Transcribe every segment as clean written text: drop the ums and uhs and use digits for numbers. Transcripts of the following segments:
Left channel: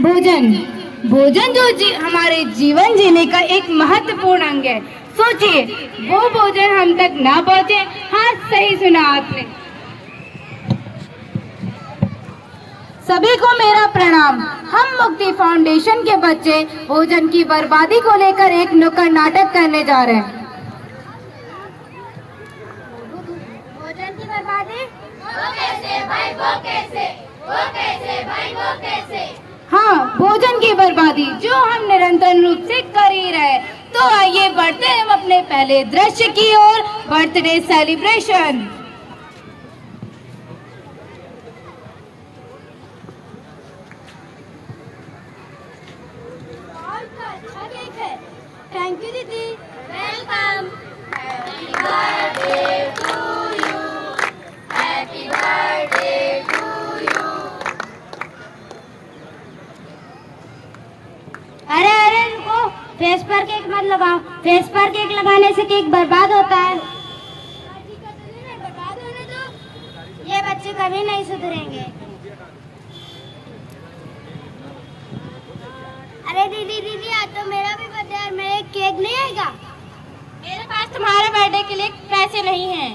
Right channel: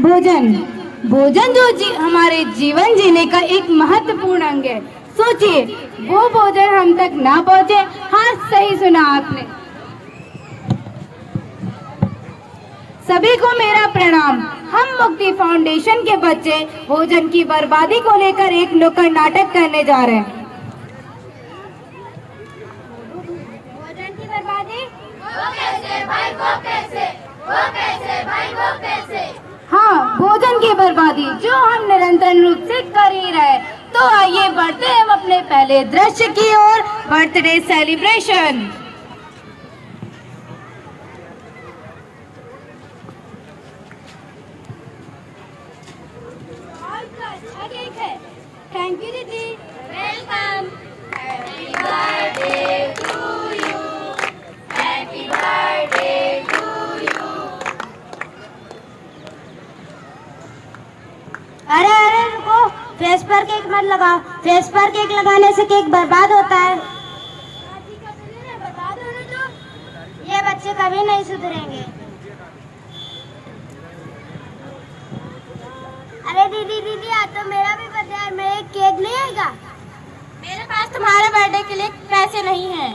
भोजन भोजन जो हमारे जीवन जीने का एक महत्वपूर्ण अंग है। सोचिए, वो भोजन हम तक ना पहुंचे। हाँ, सही सुना आपने। सभी को मेरा प्रणाम। हम मुक्ति फाउंडेशन के बच्चे भोजन की बर्बादी को लेकर एक नुक्कड़ नाटक करने जा रहे हैं। भोजन की बर्बादी? वो कैसे भाई, वो कैसे, वो कैसे भाई, वो कैसे? हाँ, भोजन की बर्बादी जो हम निरंतर रूप से कर ही रहे। तो आइए बढ़ते हैं हम अपने पहले दृश्य की ओर, बर्थडे सेलिब्रेशन। थैंक यू दीदी। Welcome. Happy birthday to you, happy birthday to you. अरे अरे रुको, फेस पर केक मत लगाओ। फेस पर केक लगाने से केक बर्बाद होता है। बर्बाद होने दो, ये बच्चे कभी नहीं सुधरेंगे। अरे दीदी दीदी, आज तो मेरा भी बर्थडे है, मेरे केक नहीं आएगा? मेरे पास तुम्हारे बर्थडे के लिए पैसे नहीं हैं।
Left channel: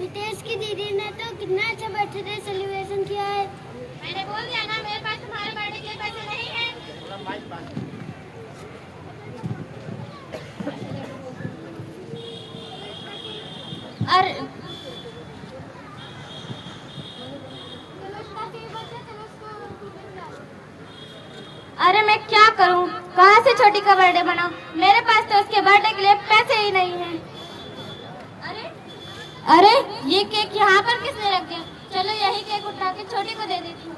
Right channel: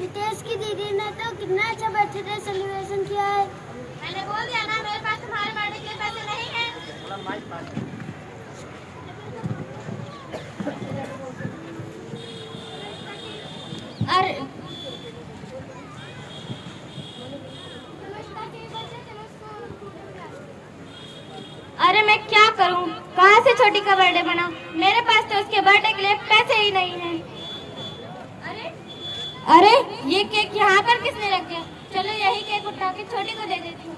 नितेश की दीदी ने तो कितना अच्छा बर्थडे सेलिब्रेशन किया है। मैंने बोल दिया ना, मेरे पास तुम्हारे बर्थडे के लिए पैसे नहीं हैं। अरे अरे मैं क्या करूं? कहां से छोटी का बर्थडे बना? मेरे पास तो इसके बर्थडे के लिए पैसे ही नहीं हैं। अरे ये केक यहाँ पर किसने रख दिया? चलो यही केक उठा के छोटी को दे देती हूँ।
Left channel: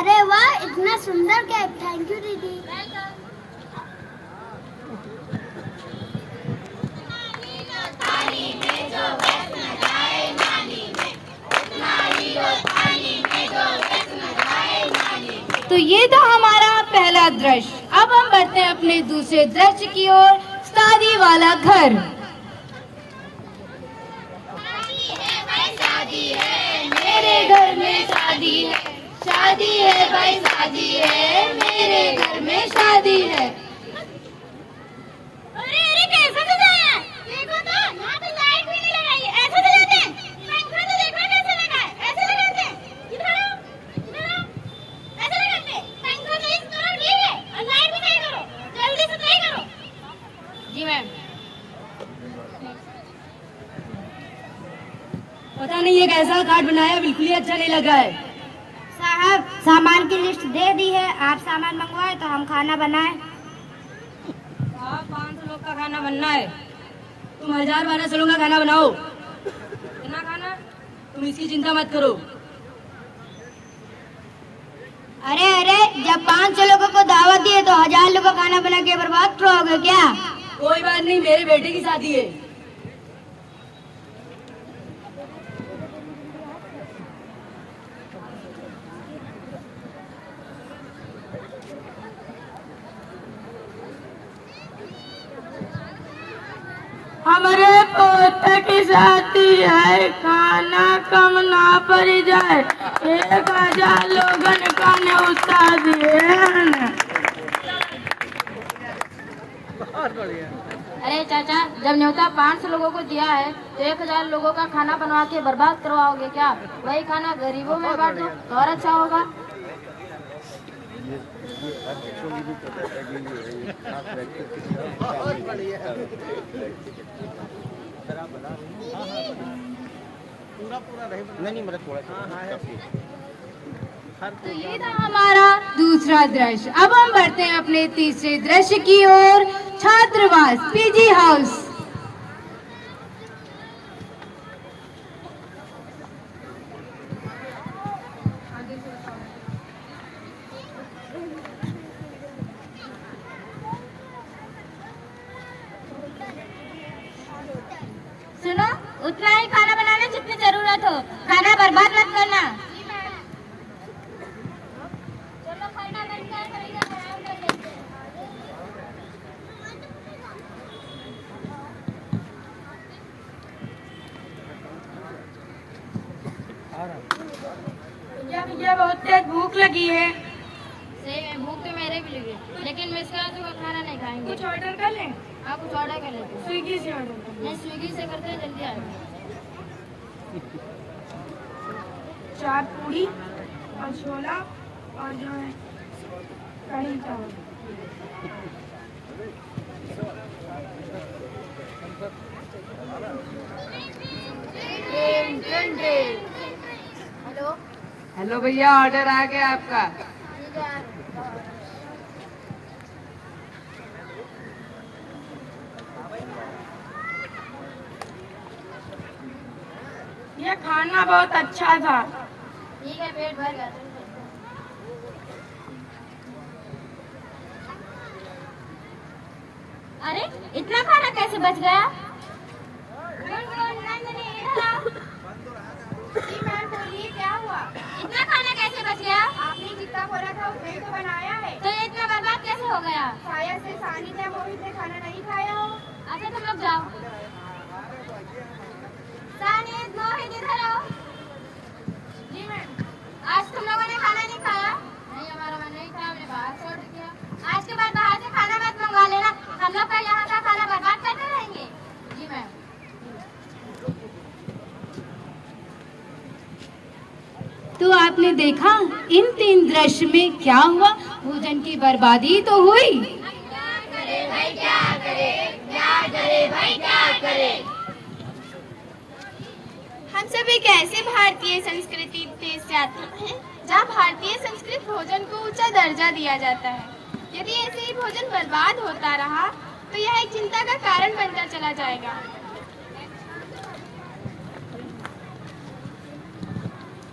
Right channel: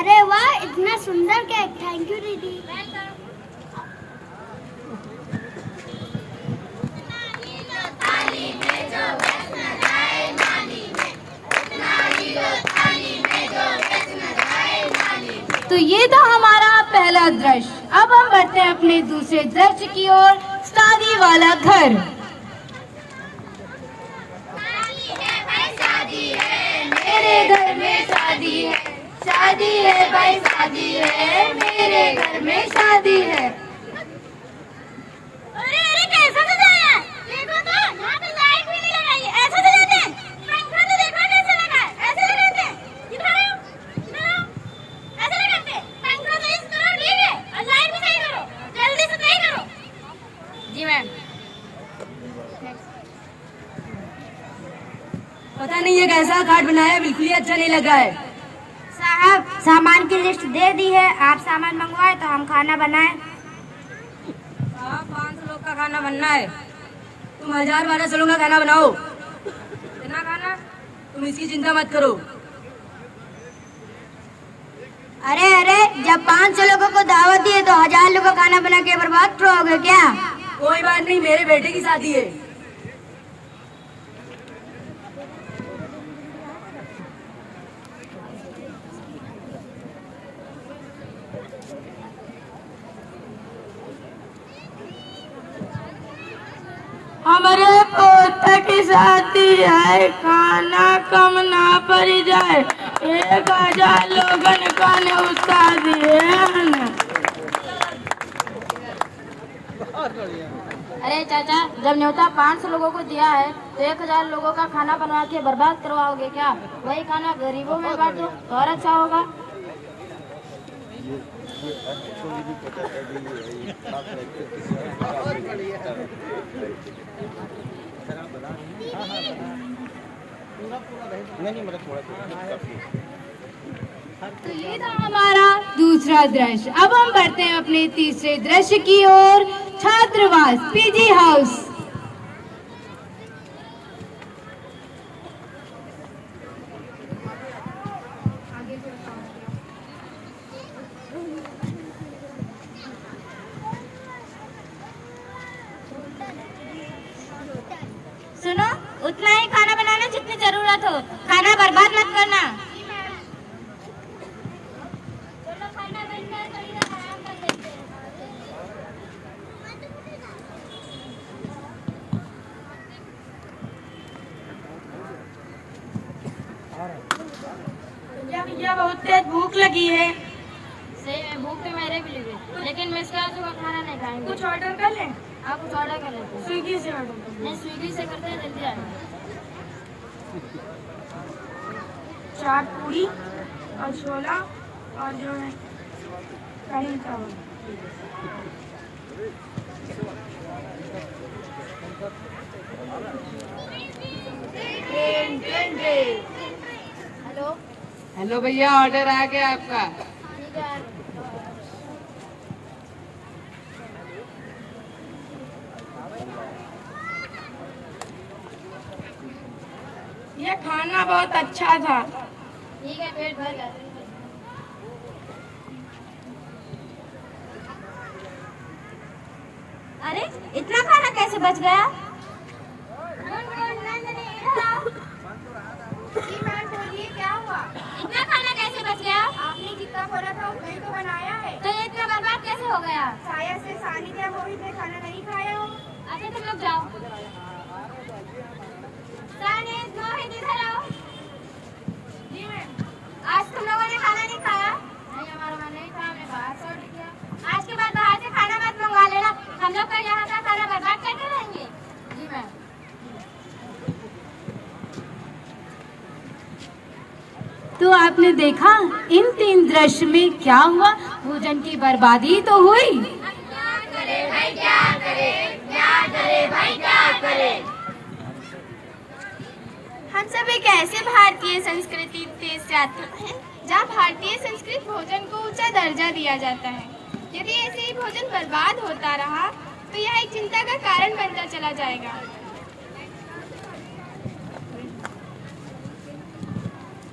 अरे वाह, इतना सुंदर केक। थैंक यू दीदी। तो ये था हमारा पहला दृश्य। अब हम बढ़ते हैं अपने दूसरे दृश्य की ओर, शादी वाला घर। शादी है भाई, शादी है, मेरे घर में शादी है। शादी है भाई, शादी है, मेरे घर में शादी है। अरे अरे, कैसा सजाया है? देखो तो, यहाँ पे लाइट भी नहीं लगाई है। ऐसे सजाते हैं? पंखा तो देखो कैसे लगा है। ऐसे लगाते हैं? इधर आओ, इधर आओ। ऐसे लगाते हैं? पंखा तो इस करो, ठीक है, और लाइट भी सही करो। जल्दी से सही करो। जी मैम। पता नहीं ये कैसा कार्ड बनाया, बिल्कुल ही अच्छा नहीं लगा है। साहब, सामान की लिस्ट दे दी है, आप सामान मंगवाए तो हम खाना बनाए। साहब, 500 लोग का खाना बनना है, तुम 1000-1200 लोगों का खाना बनाओ। इतना खाना, तुम इसकी चिंता मत करो। अरे अरे, जब 500 लोगों को दावत दी है तो 1000 लोगों का खाना बना के बर्बाद करोगे क्या? कोई बात नहीं, मेरे बेटे की शादी है। हमारे पोते की शादी है, खाना कम ना पड़ जाए। 1000 लोगन का शादी है। अरे चाचा, जब न्योता 500 लोगों को दिया है तो 1000 लोगों का खाना बनवा के बर्बाद करवाओगे क्या? वही खाना गरीबों में बांट दो तो और अच्छा होगा। तो ये था हमारा दूसरा दृश्य। अब हम बढ़ते हैं अपने तीसरे दृश्य की ओर, छात्रावास पीजी हाउस। बर्बाद मत करना। भैया बहुत तेज भूख लगी है। भूख तो मेरे भी लगी, लेकिन मैं इसका सुबह खाना नहीं खाएंगे। कुछ ऑर्डर कर लें? आप कुछ ऑर्डर कर लेते हैं। स्विगी से ऑर्डर कर लें। नहीं, स्विगी से करते हैं, जल्दी आ जाए। 4 पूरी और छोला और जो है कढ़ी चावल। हेलो। हेलो भैया, ऑर्डर आ गया आपका। ठीक है। ये खाना बहुत अच्छा था। ठीक है, पेट भर गया। अरे इतना खाना कैसे बच गया? जी मैम बोलिए, क्या हुआ? इतना खाना कैसे बच गया? आपने जितना बोला था उतना ही तो बनाया है। तो ये इतना बर्बाद कैसे हो गया? शायद से सानिद या मोहित ने खाना नहीं खाया हो। अच्छा तुम लोग जाओ। सानिद, मोहित इधर आओ। जी मैम। आज तुम लोगों ने खाना नहीं खाया? नहीं, हमारा मन नहीं था, हमने बाहर से ऑर्डर किया। आज के बाद बाहर से खाना मत मंगवा लेना। हम लोग का यहाँ का खाना बर्बाद करते रहेंगे। जी मैम। तो आपने देखा इन 3 दृश्य में क्या हुआ? भोजन की बर्बादी तो हुई। हम सब एक ऐसे भारतीय संस्कृति देश जाते हैं जहाँ भारतीय संस्कृति भोजन को ऊंचा दर्जा दिया जाता है। यदि ऐसे ही भोजन बर्बाद होता रहा तो यह एक चिंता का कारण बनता चला जाएगा।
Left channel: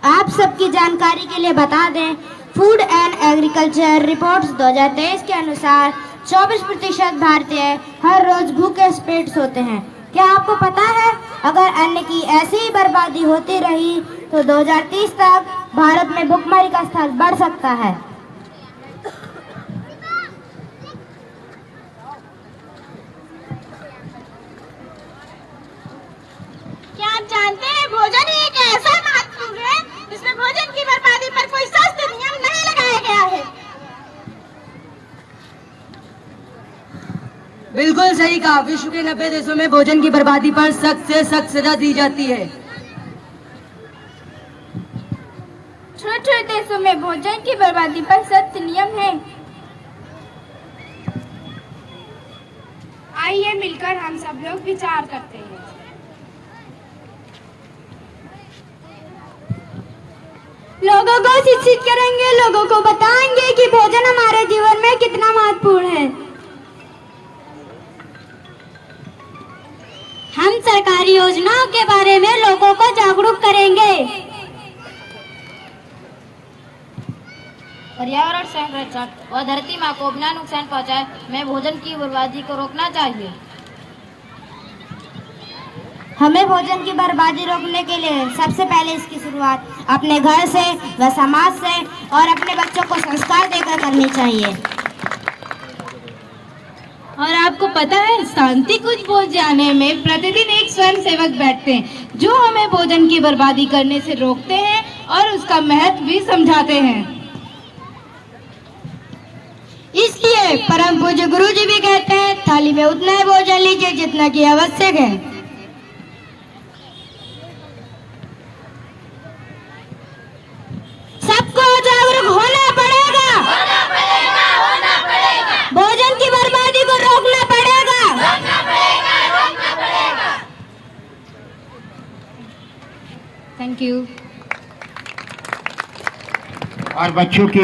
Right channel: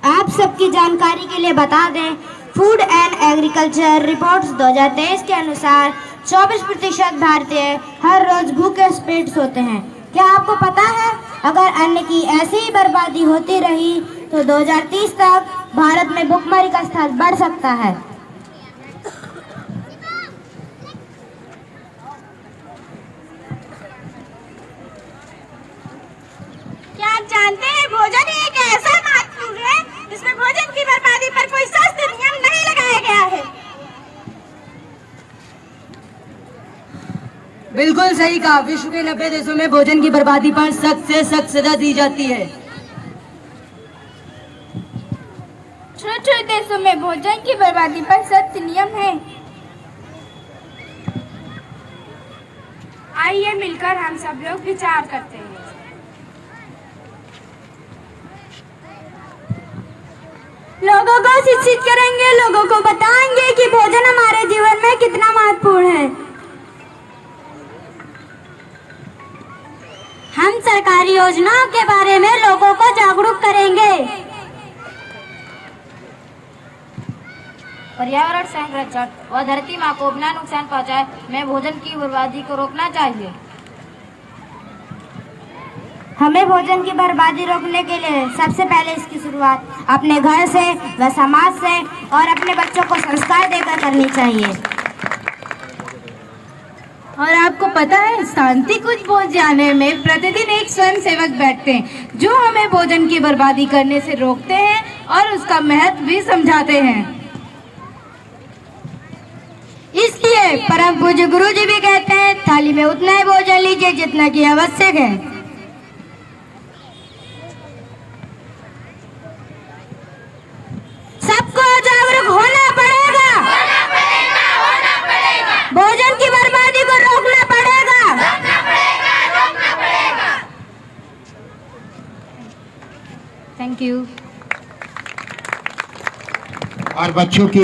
आप सबकी जानकारी के लिए बता दें, फूड एंड एग्रीकल्चर रिपोर्ट्स 2023 के अनुसार 24% भारतीय हर रोज भूखे पेट सोते हैं। क्या आपको पता है, अगर अन्न की ऐसी ही बर्बादी होती रही तो 2030 तक भारत में भुखमरी का स्तर बढ़ सकता है। क्या आप जानते हैं भोजन ही एक ऐसा महत्वपूर्ण है जिसमें भोजन की बर्बादी पर कोई सख्त नियम नहीं लगाया गया है। बिल्कुल सही कहा। विश्व के 90 देशों में भोजन की बर्बादी पर सख्त से सख्त सजा दी जाती है। छोटे देशों में भोजन की बर्बादी पर सख्त नियम है। आइए मिलकर हम सब लोग विचार करते हैं। लोगों को शिक्षित करेंगे, लोगों को बताएंगे कि भोजन हमारे जीवन में कितना महत्वपूर्ण है। हम सरकारी योजनाओं के बारे में लोगों को जागरूक करेंगे। पर्यावरण संरक्षण और धरती माँ को बिना नुकसान पहुँचाए में भोजन की बर्बादी को रोकना चाहिए। हमें भोजन की बर्बादी रोकने के लिए सबसे पहले इसकी शुरुआत अपने घर से व समाज से और अपने बच्चों को संस्कार देकर करनी चाहिए। और आपको पता है, शांति कुछ भोजनालय में प्रतिदिन एक स्वयं सेवक बैठते हैं जो हमें भोजन की बर्बादी करने से रोकते हैं और उसका महत्व भी समझाते हैं। इसलिए परम पूज्य गुरु जी भी कहते हैं, थाली में उतना ही भोजन लीजिए जितना कि आवश्यक है। सबको जागरूक होना पड़ेगा। भोजन की बर्बादी को रोकना पड़ेगा। Thank you. और बच्चों के